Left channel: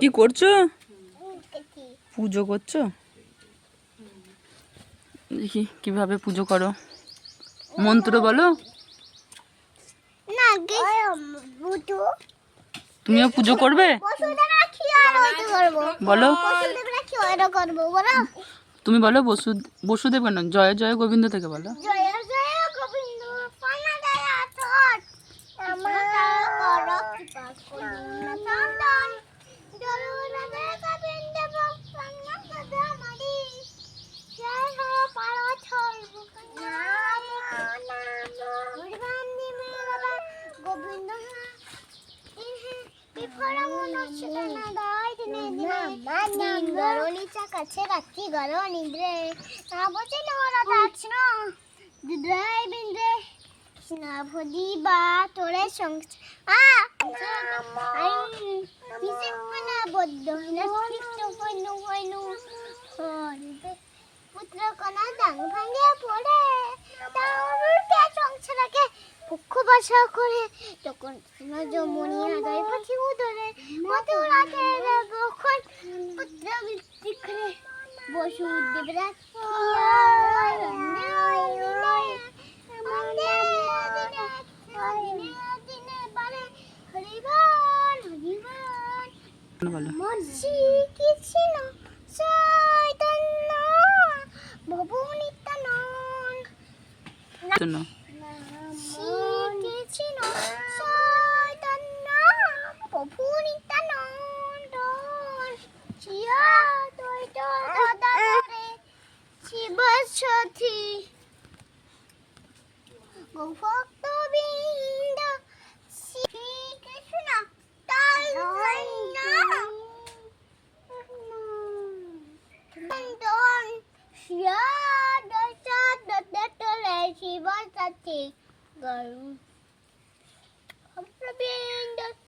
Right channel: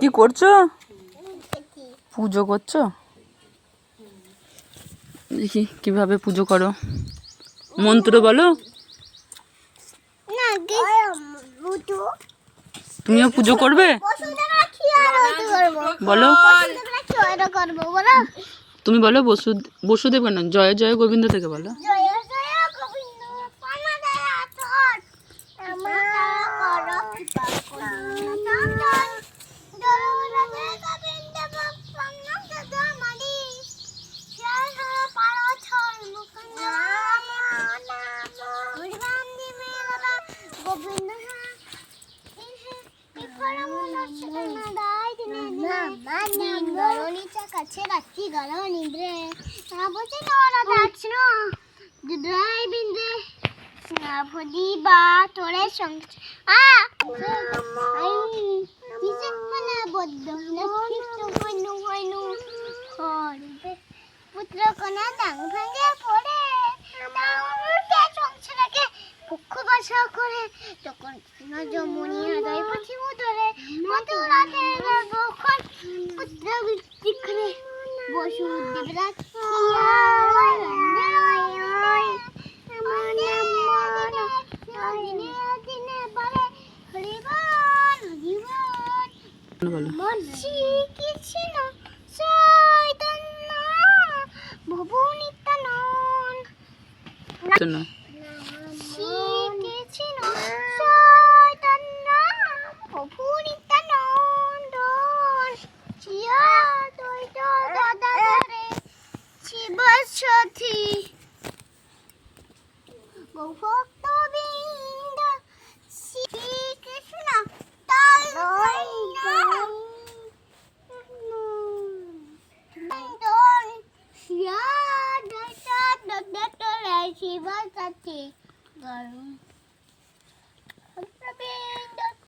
কি করছো? পুজো করছো? দেখি কিভাবে পুজো করো, মন্ত্র বলো। তুমিও পুজো করবে? বলো, তুমি বলো। বসুদেব কেন, জয় জয় গোবিন্দ থেকে বলো। পুত্র কন্যা ডাং ভাঙে পড়ে সংসারকে পক্ষ বাসা করে তখন যমুনি আদায় পাখি উদরে মধুরাতে যখন পুত্র বৃত্তি করে বসুদেবরাজ বলো। শোনো। ভক্তবৃন্দ শ্রীকৃষ্ণ শিব